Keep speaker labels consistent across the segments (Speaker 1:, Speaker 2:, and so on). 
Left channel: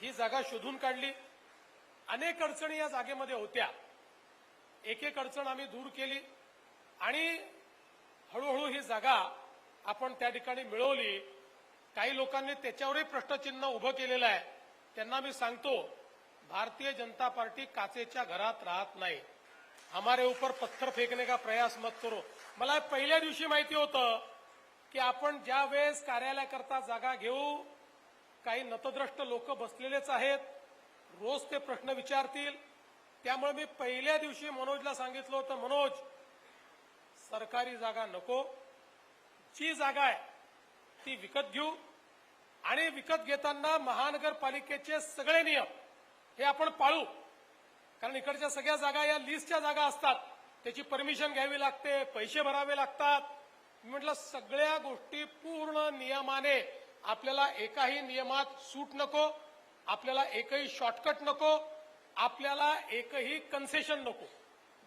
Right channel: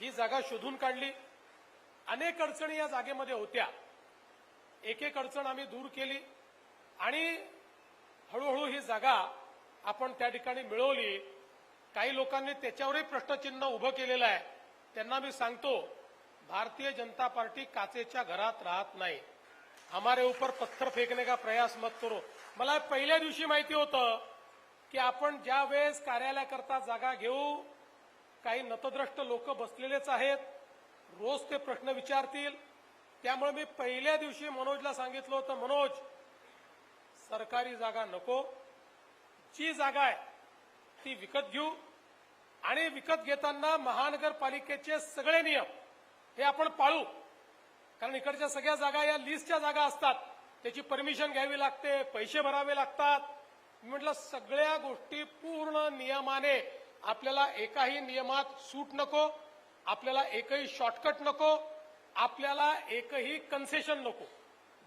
Speaker 1: ही जागा शोधून काढली. अनेक अडचणी या जागेमध्ये होत्या. एक एक अडचण आम्ही दूर केली आणि हळूहळू ही जागा आपण त्या ठिकाणी मिळवली. काही लोकांनी त्याच्यावरही प्रश्नचिन्ह उभं केलेलं आहे. त्यांना मी सांगतो भारतीय जनता पार्टी काचेच्या घरात राहत नाही. हमारे ऊपर पत्थर फेकने का प्रयास मत करो. मला पहिल्या दिवशी माहिती होतं की आपण ज्या वेळेस कार्यालयाकरता जागा घेऊ काही नतद्रष्ट लोक बसलेलेच आहेत. रोज ते प्रश्न विचारतील. त्यामुळे मी पहिल्या दिवशी मनोजला सांगितलं होतं मनोज सरकारी जागा नको. जी जागा आहे ती विकत घेऊ. आणि विकत घेताना महानगरपालिकेचे सगळे नियम हे आपण पाळू. कारण इकडच्या सगळ्या जागा या लिस्टच्या जागा असतात. त्याची परमिशन घ्यावी लागते पैसे भरावे लागतात. मी म्हटलं सगळ्या गोष्टी पूर्ण नियमाने आपल्याला एकाही नियमात सूट नको आपल्याला एकही शॉर्टकट नको आपल्याला एकही कन्सेशन नको.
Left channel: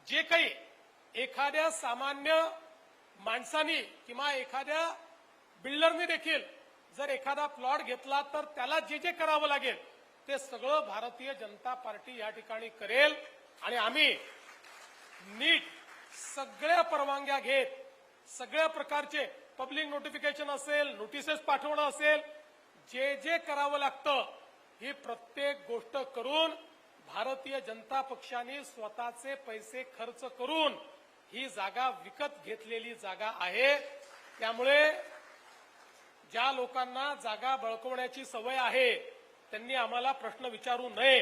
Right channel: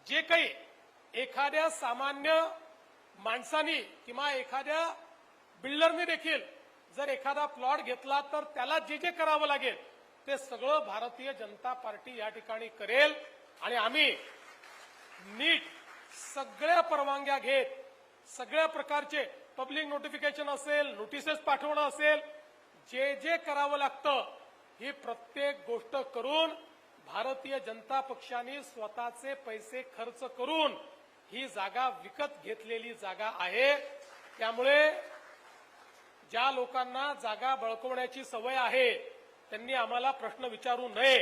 Speaker 1: जे काही एखाद्या सामान्य माणसानी किंवा एखाद्या बिल्डरने देखील जर एखादा प्लॉट घेतला तर त्याला जे जे करावं लागेल ते सगळं भारतीय जनता पार्टी या ठिकाणी करेल. आणि आम्ही नीट सगळ्या परवानग्या घेत सगळ्या प्रकारचे पब्लिक नोटिफिकेशन असेल नोटिसेस पाठवणं असेल जे जे करावं लागतं ही प्रत्येक गोष्ट करून भारतीय जनता पक्षाने स्वतःचे पैसे खर्च करून ही जागा विकत घेतलेली जागा आहे. त्यामुळे ज्या लोकांना जागा बळकवण्याची सवय आहे त्यांनी आम्हाला प्रश्न विचारू नये.